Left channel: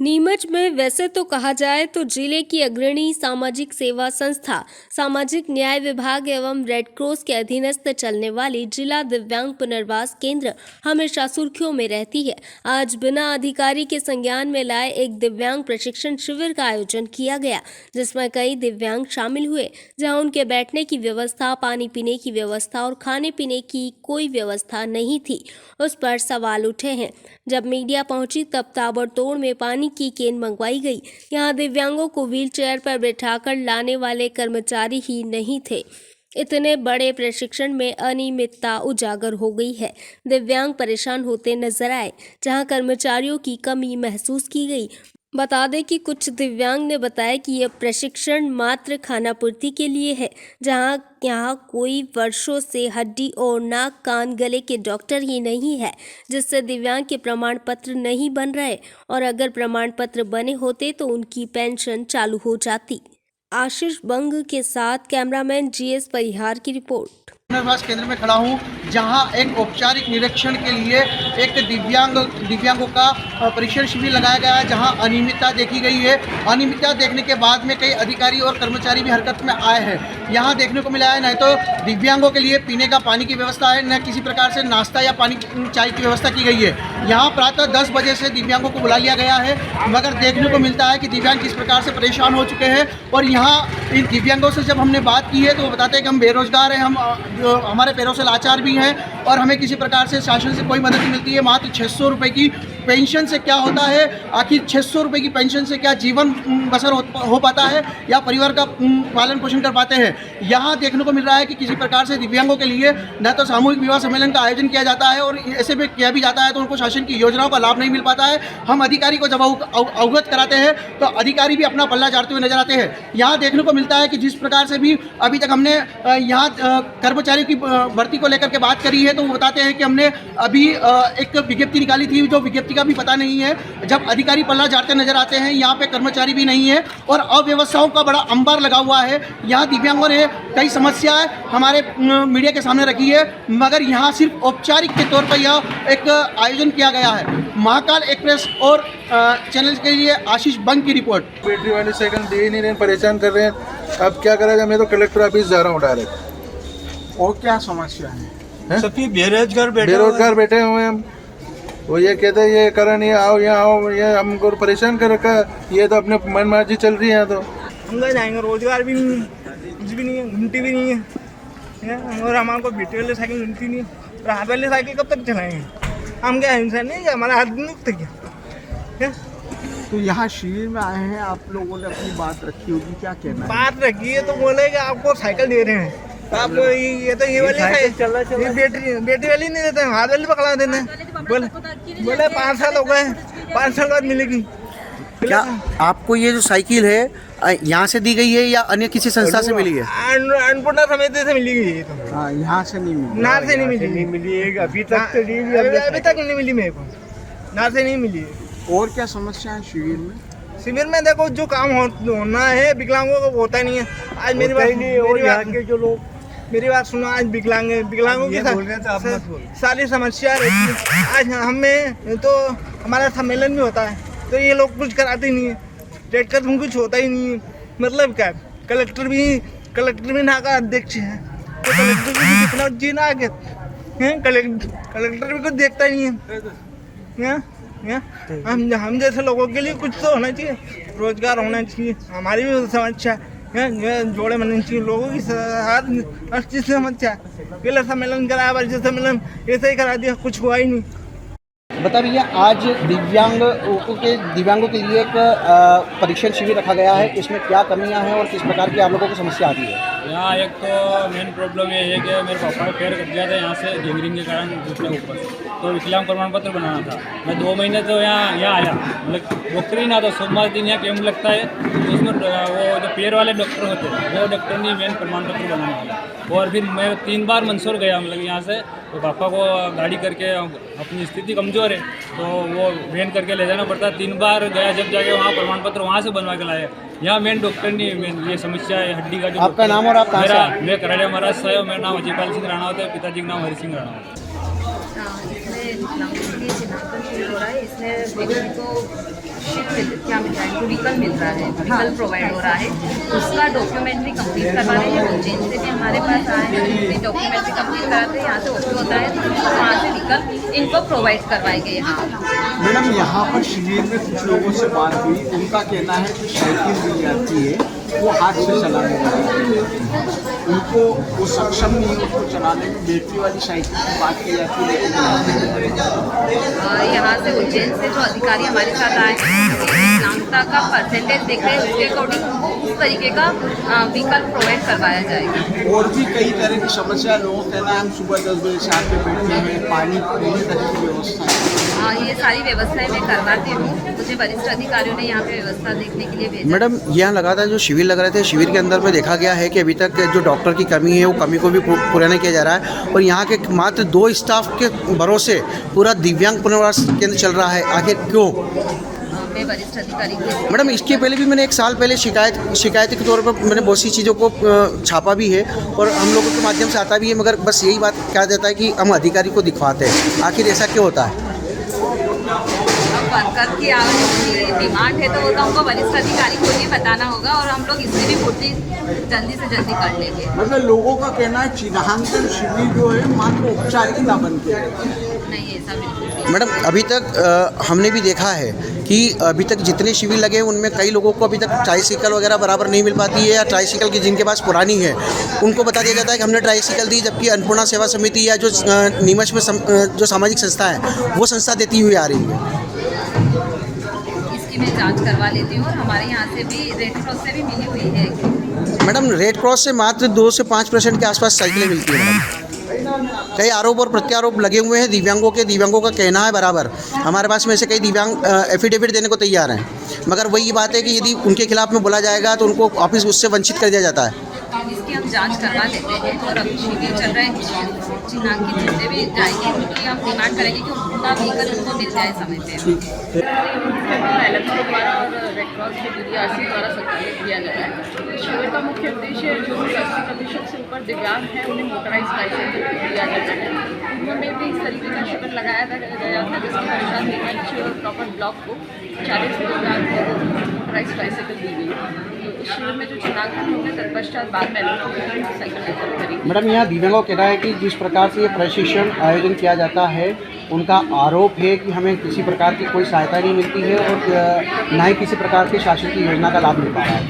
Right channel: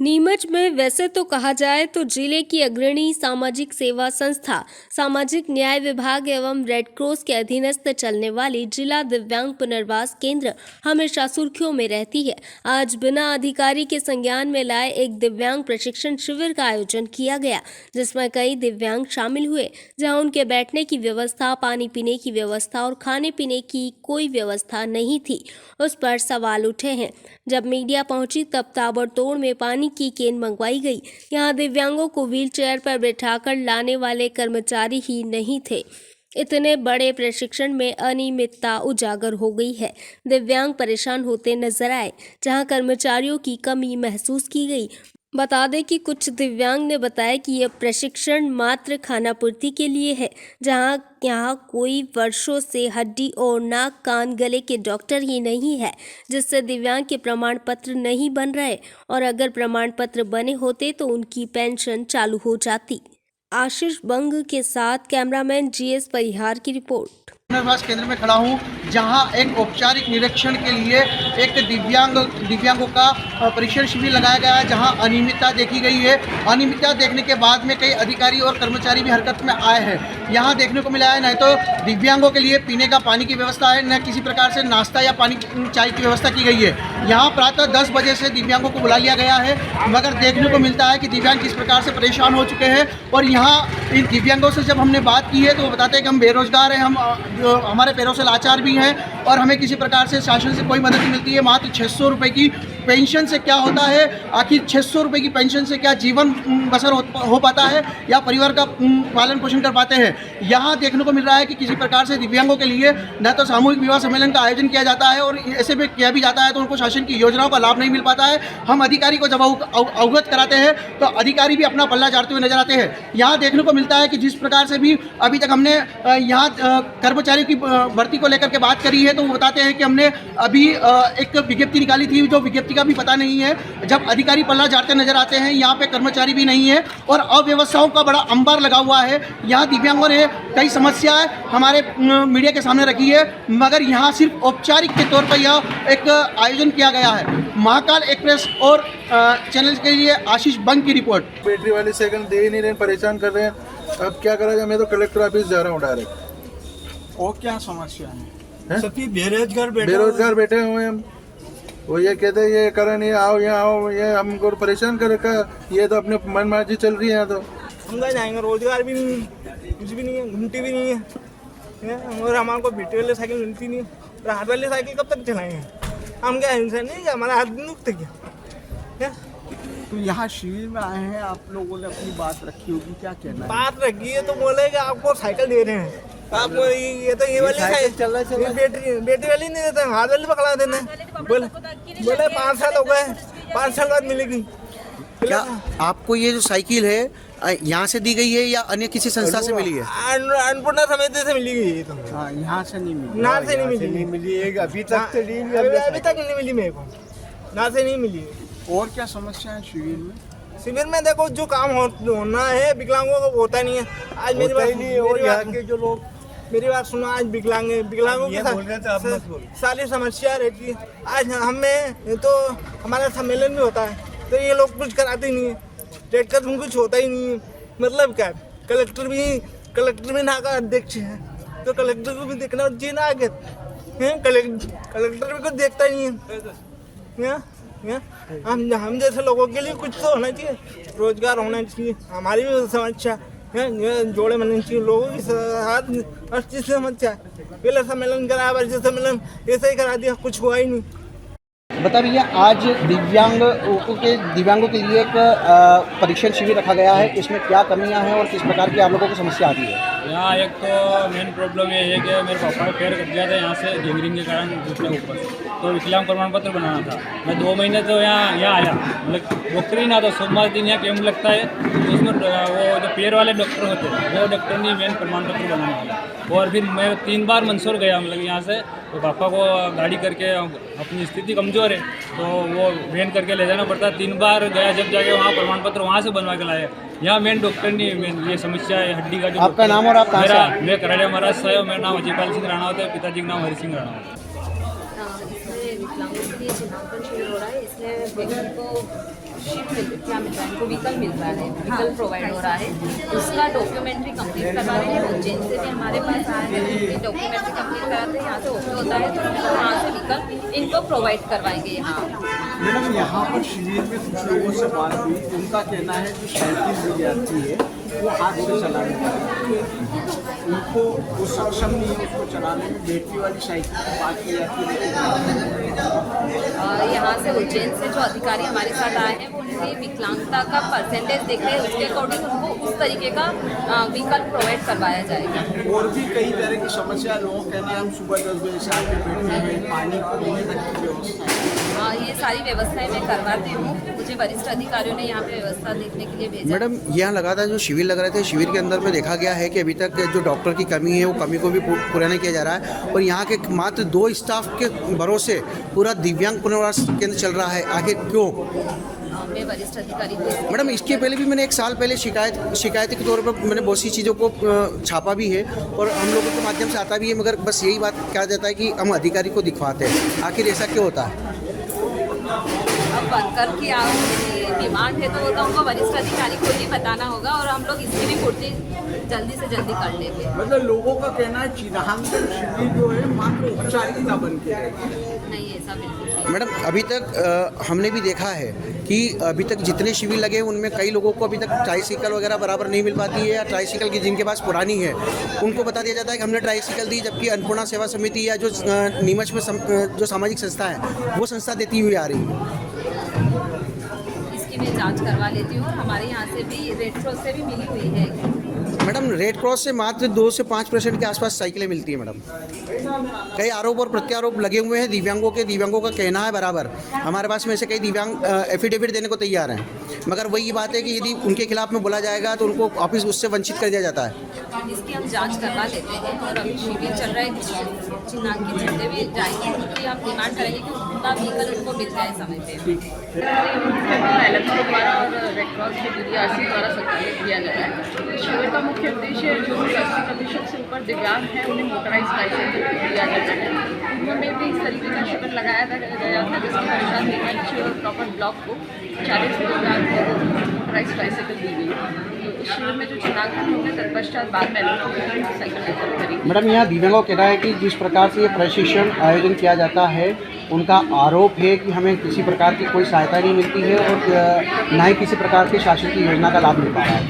नीमच में वैसे तो कहा जाए तो जिले की अग्रणी सामाजिक सेवा संस्था सामाजिक न्याय विभाग एवं रेड क्रॉस के अधीनस्थ चलने वाली जिला दिव्यांग पुनर्वास केंद्र हमेशा सुर्खियों में रहती है। आज बिना अधिकारी के संज्ञान में लाए एक दिव्यांग प्रशिक्षण शिविर का आयोजन किया गया, जिसमें कई दिव्यांग शामिल हुए, जहां उनके बैठने की व्यवस्था, पानी पीने की व्यवस्था और खाने पीने की कोई व्यवस्था नहीं थी। उस पर सवाल उठे हैं। जब मीडिया पहुंची तब ताबड़तोड़ में पानी की केन मंगवाई गई। यहां दिव्यांगों को व्हीलचेयर पर बैठाकर लाने वाले कर्मचारी ही नहीं थे। इतने बड़े प्रशिक्षण में अनियमितता उजागर हो गई है। दिव्यांग परेशान होते नजर आए, जहां कर्मचारियों की कमी महसूस की गई। बता दें कि कुछ दिव्यांग ने बताया कि यह प्रशिक्षण मात्र खानापूर्ति के लिए है, जहां यहाँ कोई वर्षों से हड्डी और नाक कान गले के डॉक्टर ही नहीं है, जिससे दिव्यांग के प्रमाण पत्र नहीं बन रहे, और अगर प्रमाण पत्र बने होते तो उनकी पेंशन चालू हो जाती। आशीष बंग के साथ कैमरामैन GS परिहार की रिपोर्ट। पुनर्वास केंद्र में खड़ा हूँ, जहां एक औपचारिक निरीक्षण के लिए एक दिव्यांगों का परीक्षण शिविर लगाया गया है, जहां अनियमितता देखी गई है। अनियमितता देखने के बाद में कई अधिकारी और कर्मचारी भी हरकत में आए हैं। यहां देखने को मिला है न तो दिव्यांगों के लिए पीने का पानी की व्यवस्था है, न किसी प्रकार से नाश्ता या पानी चाय की व्यवस्था की गई है। यहाँ प्रातः 10 बजे से दिव्यांगों को बुला लिया गया है, मगर देखने को मिलता है कि दिव्यांग किस प्रकार से परेशान हो चुके हैं। और यहाँ इन दिव्यांगों से जब हमने बात की है तो वो बताते हैं कि हम बेरोजगार हैं, हमारे पैरों से लाचार भी हैं और हमें किसी प्रकार से शासन से कोई मदद नहीं मिलती है। मात्र 600 रुपये की पेंशन से क्या होता है? आखिर 600 रुपये की पेंशन से क्या जीवन बसर हो पाता है या परिवार का पालन पोषण कर पाते हैं? यहाँ देखने को मिल रहा है कि किसी प्रकार से दिव्यांगों के लिए न तो सामूहिक विवाह सम्मेलन का आयोजन किया जाता है, और ऐसे में किया भी जाता है तो उनको शासन की योजनाओं का लाभ नहीं मिल पाता है। हम अधिकारी को जब अवगत कराते हैं तो अधिकारी भी अपना पल्ला झाड़ते हुए नजर आते हैं। यहाँ देखने को मिलता है कि जिस प्रकार से भी अभी तक हमने यहाँ कर्मचारी की भर्ती को लेकर के बात करी है, तो वो बताते हैं कि हमने अभी एक विज्ञप्ति निकाली थी, जो विज्ञप्ति का भी पता नहीं है। जब अधिकारी पल्ला झाड़ते नजर आते हैं, यहाँ पे कर्मचारी भी नहीं है और अव्यवस्थाओं का बड़ा अंबार लगा हुआ है। यहाँ दिव्यांगों ने कई समस्याएं हमारे मीडिया के सामने रखी है, मगर यहाँ सिर्फ औपचारिक के तौर पर यह एक आयोजन किया गया है। महाकाल एक्सप्रेस और चैनल के लिए आशीष बंग की रिपोर्ट। बैटरी वाली साइकिल दे ही नहीं रहे, परेशान कर रहे हैं। अब क्या करेगा? मैं तो कलेक्टर ऑफिस जा रहा हूँ डायरेक्ट। और क्या समस्या है? सबकी बेरोजगार बैठे हुए हैं हम। वो ये कहते हैं ये करा नहीं, आओ यहाँ आओ, ये हमको परेशान कर रखा है। ये तो अपने मनमर्जी चल रही है। तो हम कहाँ जाएंगे? रोजगार भी नहीं है, कुछ भी नहीं है, घूमती भी नहीं है, और हमारे को बैटरी वाली साइकिल मिलती नहीं है। हाथ वाली साइकिल कब तक चलाएंगे? हम क्या इंसान नहीं है? हमारा हाथ नहीं उठते क्या? तो यहाँ शिविर में आए हैं, आप लोगों ने अपनी बात रखी होगी, क्या कहना है? बात रखी है तो बोले कि आपको साइकिल दे रहे हैं, आप ये तो ये वाली साइकिल बैटरी वाली नहीं देते हैं, हाथ वाली पकड़ा देते हैं। बोले 5 साल हो गए, 5 साल बाद मिलेगी। क्या आपको ये जो साइकिल है यहाँ से दी गई है या अन्य किसी संस्था से मिली है? अन्नपूर्णा समिति से मिली है। हाँ, यहाँ से नहीं मिली। ना से नहीं मिली है, अभी तक तो अभी तक नहीं मिली मेरे को, ना से नहीं मिली। और क्या समस्या है शिविर में? शिविर में देखो जो काम होना है विकलांगों को होता नहीं है। आज मेरी बात सुनो, आज विकलांगों की सारी समस्या है। आज हमें तो हमारा सम्मेलन भी होता है तो ये लोग कुछ कराते नहीं है। रेड क्रॉस में कुछ होता ही नहीं है। मतलब क्या? कलेक्टर भी ना का अध्यक्ष है, तो कलेक्टर भी कितना जी ना आगे कलेक्टर भी कुछ देखता ही नहीं है। हम जैसे लोगों के लिए कुछ तो होना चाहिए, रोजगार होना चाहिए, हमारी भी समस्या है, जोड़े बनने चाहिए लोगों की हर चीज़ से समस्या। पहले सम्मेलन कराया, वर्षीय सम्मेलन ऐसे ही करा दिया, कुछ हुआ ही नहीं। बता भैया, आज दिव्यांगों के लिए एक परीक्षण शिविर रखा गया है, इसमें क्या कमियां हैं और किस प्रकार की आप लोगों को समस्या आती है? यहाँ एक तो मेन प्रॉब्लम ये है कि मेरे पापा का पैर कट गया था यहाँ से गैंग्रीन के कारण घुटने ऊपर, तो विकलांग प्रमाण पत्र बनाना था। मैं 2 महीने तो यहाँ आया, मतलब डॉक्टर ही ना, तो सोमवार दिन यहाँ कैंप लगता है, तो उसमें वो जो पैर वाले डॉक्टर होते हैं वो डॉक्टर ने मेन प्रमाण पत्र बनाने वाला। और फिर मैं 3 बार मंदसौर गया, मतलब यहाँ से, तो पापा को गाड़ी करके, अपनी स्थिति कमज़ोर है तो वो वैन करके ले जाना पड़ता। 3 बार गया, जब जाके वहाँ प्रमाण पत्र वहाँ से बनवा के लाया। यहाँ मेन डॉक्टर नहीं, मेन ये समस्या है हड्डी का। जो आपका नाम और आप कहाँ से? मैं कराड़िया महाराज से हूँ, मेरा नाम अजयपाल सिंह राणा होता है, पिताजी का नाम हरि सिंह राणा होता है। व्हीकल मिल रहा है, व्हीकल प्रोवाइड हो रहा है, उसका डॉक्यूमेंट्री कंप्लीट करवा रहे हैं। उज्जैन से भी हमारे पास आए हैं, दूसरी डॉक्यूमेंट्री कंप्लीट कराते हैं, यहाँ से ओके होता है तो वहाँ से व्हीकल इनको प्रोवाइड करवाएंगे यहाँ। मैडम यहाँ पर शिविर में कुछ लोगों से बात हुई, उनका कहना है जो साइकिल दी जाती है वो हाथ से चलाने वाली है, उनको वो सक्षम नहीं है उसको चलाने में, बैटरी वाली साइकिल की बात की जाती है लेकिन यहाँ से उज्जैन से जो अधिकारी हमारे साथ आए हैं, नामता का परसेंटेज देख रहे हैं, उसके अकॉर्डिंग उस तरीके का व्हीकल प्रोवाइड करवाया जाएगा। और भी कई तरह की समस्या लोगों का कहना है, हम सुबह 10 बजे से आके बैठे हैं, पानी पीने तक की व्यवस्था है। ये सारी व्यवस्थाएं मैं करवाती हूँ, मुझे वरिष्ठ अधिकारियों ने यहाँ पे व्यवस्था देखने के लिए भेजा। मैडम, यहाँ लगातार जो शिविर लग रहे थे, शिविर के अंदर में देखा गया है कि अभी तक जो डॉक्टर की कमी है वो कमी को भी पूरा नहीं किया जा रहा है और यहाँ के मात्र 2 स्टाफ के भरोसे पूरा दिव्यांग पुनर्वास केंद्र चल रहा है। आखिर क्यों? मैं वरिष्ठ अधिकारी हूँ। मैडम, इसके पहले भी मैंने 1 साल पहले शिकायत के तौर पर मैंने बहुत सी चीज़ों को छापा भी है और हम लोगों के माध्यम से आता भी है, मगर बस यही बात क्या देता है कि हम अधिकारी को दिखवाते हैं। आखिर ऐसा क्यों होता है? अब वर्कर की डिमांड है तो वो तो हमको वरिष्ठ अधिकारी को ही बताना होगा और हम लोग इसकी भी पूर्ति जल्दी से जल्दी कर लेंगे। मतलब लोगों का कहना है चिन्हांकन शिविर जो है मात्र औपचारिकता बन के है। नहीं, ऐसा बिल्कुल नहीं। मैडम, अभी तक हमने भी देखा है कि अभी तक जितने शिविर लगे हैं उनमें कई लोगों को अभी तक ट्राईसाइकिल वगैरह बराबर नहीं मिल पाती है या ट्राईसाइकिल की जिनके पास पुरानी है उनको बता दिया जाता है कि हमने ट्राईसाइकिल दी, जबकि अन्नपूर्णा सेवा समिति या जो नीमच में जो सामाजिक संस्था है वो संस्था देती हुई आ रही है। इसकी मैं जांच करवा लेती हूँ और हमारे यहाँ से भी रेड क्रॉस से भी मिली हुई है। मैडम, रेड क्रॉस से मात्र 2 से 5% के आसपास साइकिलें मिलती हैं। मैडम, कई आरोप और प्रत्यारोप लगे हुए हैं दिव्यांगों का कहना है बराबर, हमारे पास में से कई दिव्यांग एफिडेविट देने को तैयार हैं, मगर वही बात है कि यदि उनके खिलाफ में बोला जाएगा तो उनको वापस उससे वंचित कर दिया जाता है। इसकी हम जांच करवा लेते हैं और अभी शिविर चल रहा है, चिन्हांकित जितने भी जाएंगे उनकी हम डिमांड करेंगे कि उनका व्हीकल उनको मिल जाए समय पे। एलएमसी द्वारा और रेड क्रॉस के DDRC द्वारा संचालित किया जा रहा है। शिविर का मुख्य उद्देश्य जो भी 80% से ऊपर दिव्यांग हैं उन्हें मोटराइज ट्राईसाइकिल दिया जाता है। उनमें भी इस तरीके का शिविर लगाया गया था जिसके पश्चात नीमच और प्रॉपर ब्लॉक को 40 दिव्यांग मोटराइज ट्राईसाइकिल दी गई। तो इस शिविर में जो चिन्हांकन होंगे तत्पश्चात बाद में साइकिल करेंगे। मैडम, यहाँ दिव्यांगों का कहना है कि जिस प्रकार से ये प्रशिक्षण आयोजन किया जाता है उनका आरोप है कि हमें किसी प्रकार की कोई सहायता नहीं मिलती है और ना ही किसी प्रकार की शासन की योजना का लाभ मिल पा रहा है।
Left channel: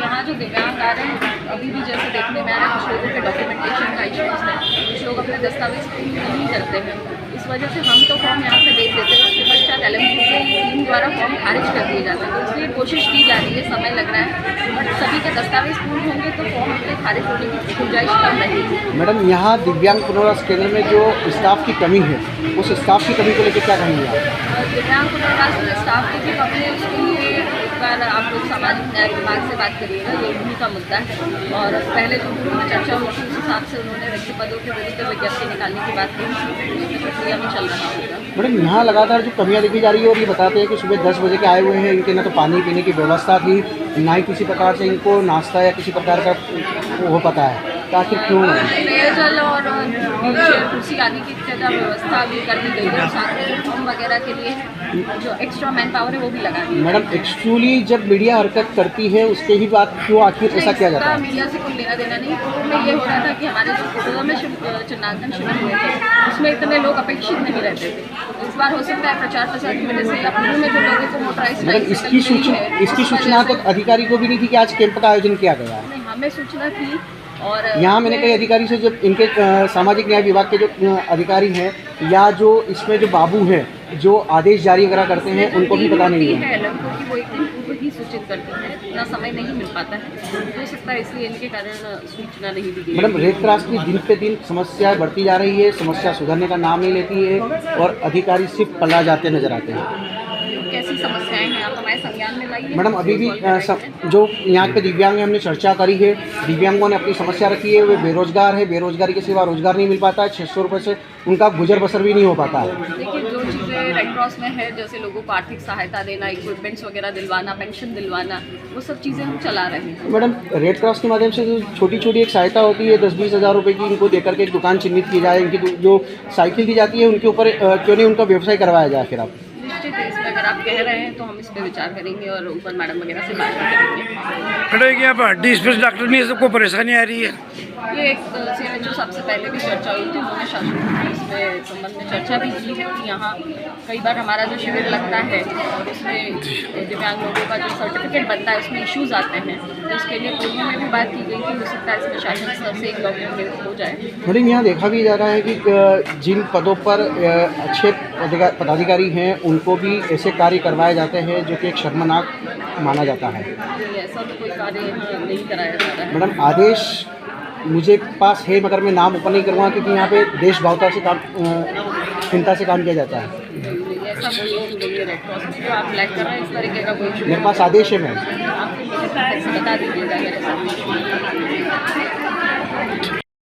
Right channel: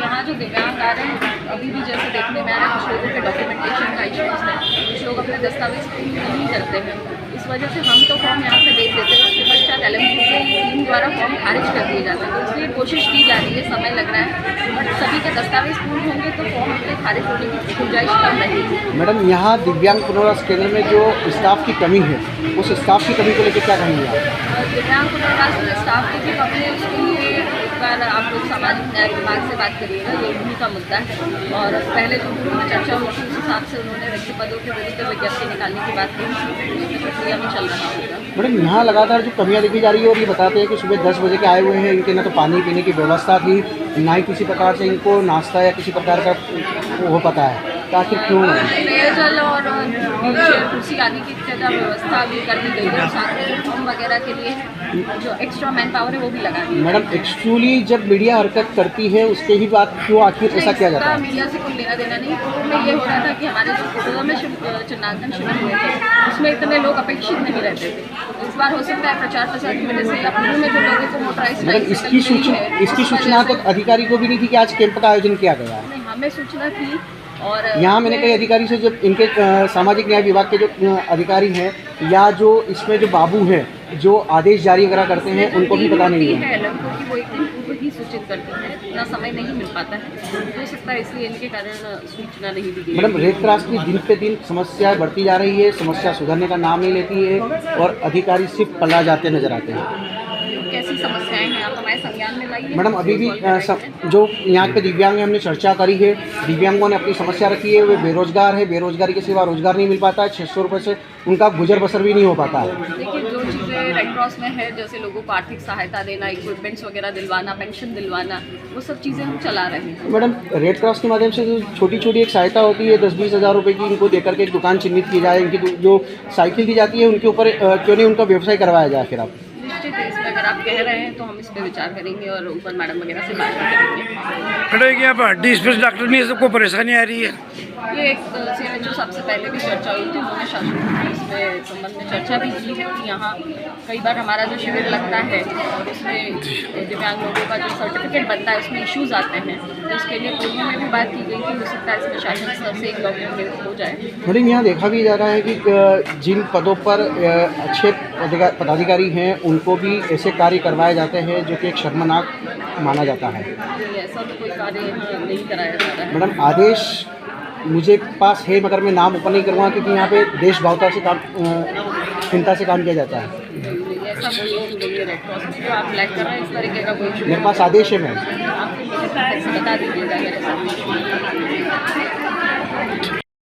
यहाँ जो दिव्यांग आ रहे हैं अभी भी जैसे देखने में आ रहा है, कुछ लोगों के डॉक्यूमेंटेशन का इश्यूज है, कुछ लोग अपने दस्तावेज पूरे नहीं करते हैं। इस वजह से हम तो फॉर्म यहाँ से भेज देते हैं, उसके पश्चात LMC के टीम द्वारा फॉर्म खारिज कर दिए जाते हैं। तो इसलिए कोशिश की जा रही है, समय लग रहा है, बट सभी के दस्तावेज पूर्ण होंगे तो फॉर्म अपने खारिज होने की गुंजाइश कम रहेगी। मैडम, यहाँ दिव्यांग पुनर्वास केंद्र में जो स्टाफ की कमी है उस स्टाफ की कमी को लेकर क्या कहेंगे आप? दिव्यांग पुनर्वास में स्टाफ की भी कमी है, उसके लिए एक बार आप लोग सामाजिक न्याय विभाग से बात करिएगा, ये उन्हीं का मुद्दा है। और पहले जो चर्चा हुई थी उस हिसाब से उन्होंने रिक्त पदों के विरुद्ध विज्ञप्ति निकालने की बात की, उसकी प्रक्रिया में चल रहा होगा। मैडम, यहाँ लगातार जो कमियाँ देखी जा रही है और ये बताते हैं कि सुबह 10 बजे के आए हुए हैं, इनके ना तो पानी पीने की व्यवस्था थी, ना ही किसी प्रकार से इनको नाश्ता या किसी प्रकार का वो पता है, तो आखिर क्यों? पेयजल और व्हीलचेयर कुर्सी आदि की ज़्यादा व्यवस्था भी कर दी गई है, साथ में फॉर्म वगैरह के लिए जो एक्स्ट्रा मैन पावर है वो भी लगा दी। मैडम, एक्चुअली जब मीडिया हरकत करती है उसके ही बाद क्यों आखिर ऐसा किया जाता है? मीडिया से कोई लेना देना नहीं। पूर्व में ये हो रहा था कि हमारे जो पूर्व में चिन्हांकन शिविर हुए थे उसमें इतने लोग अपेक्षित नहीं रहते थे। इस बार हो सकता है प्रचार प्रसार की वजह से या पूर्व में जो लोगों को मोटराइज मैडम, इसकी सूचना तो अधिकारी को भी नहीं थी कि आज कैंप का आयोजन किया गया है। नहीं, हमें सूचना थी और यहाँ मैंने कई अधिकारी से जब इनके सामाजिक न्याय विभाग के जो अधिकारी हैं या जो इसमें जो बाबू हैं जो आदेश जारी वगैरह करते हैं उनको भी पता नहीं है। क्योंकि वो एक दिन पूर्व ही सूचित करती है, इतना समय नहीं मिल पाता है, हो सकता है इसलिए इनके कारण सूचना नहीं दी गई। मैडम, रेड क्रॉस की दिन पे दिन समस्या बढ़ती जा रही है, समस्या सुधरने का नाम नहीं लेती है और अधिकारी सिर्फ पल्ला जाते नजर आते हैं। कैसी समस्याएं हैं आप हमारे संज्ञान में लाइए। मैडम, अभी भी जो यहाँ के दिव्यांग हैं हमने चर्चा करी है, दिव्यांगों ने अपनी समस्या रखी है, वे बेरोजगार है, बेरोजगारी के सिवा रोजगार नहीं मिल पाता है, 600 रुपये से उनका गुजर बसर भी नहीं हो पाता है। देखिए, जो चीज़ें रेड क्रॉस में है जैसे लोगों को आर्थिक सहायता देना, इक्विपमेंट्स वगैरह दिलवाना, पेंशन दिलवाना, वो सब चीज़ें हम चला रहे हैं। मैडम, रेड क्रॉस के माध्यम से जो छोटी छोटी एक सहायता होती है 10-20 हज़ार रुपये की, इनको देकर के एक दुकान चिन्हित की जाए, इनकी जो साइकिल दी जाती है उनके ऊपर क्यों नहीं उनका व्यवसाय करवाया जाए? फिर आप निश्चित है, इसमें अगर आप कह रहे हैं तो हम इस पर विचार करेंगे और ऊपर मैडम वगैरह से बात करेंगे। खड़े कि यहाँ पर हड्डी स्पेशलिस्ट डॉक्टर नहीं है, सबको परेशानी आ रही है। ये एक CMHO साहब से पहले भी चर्चा हुई थी, उन्होंने शासन इसमें संबंध में चर्चा भी की है कि यहाँ कई बार हमारा जो शिविर लगता है और उसमें दिव्यांग लोगों का जो सर्टिफिकेट बनता है उसमें इश्यूज आते हैं, तो उसके लिए पूर्व में भी बात की गई कि हो सकता है इसमें शासन स्तर से एक डॉक्यूमेंट हो जाए। मैडम यहाँ देखा भी जा रहा है कि जिन पदों पर अच्छे पदाधिकारी हैं उनको भी ऐसे कार्य करवाए जाते हैं जो कि एक शर्मनाक माना जाता है। ऐसा तो कोई कार्य यहाँ नहीं कराया जा रहा है। मैडम आदेश मुझे पास है मगर मैं नाम ओपन नहीं करूँगा क्योंकि यहाँ पे देश भावता से काम चिंता से काम किया जाता है। ऐसा कोई रेड क्रॉस में जो आप ब्लैक कर रहे हैं इस तरीके का कोई मेरे पास आदेश है मैम। आप मुझे बता दीजिएगा मेरे साथ।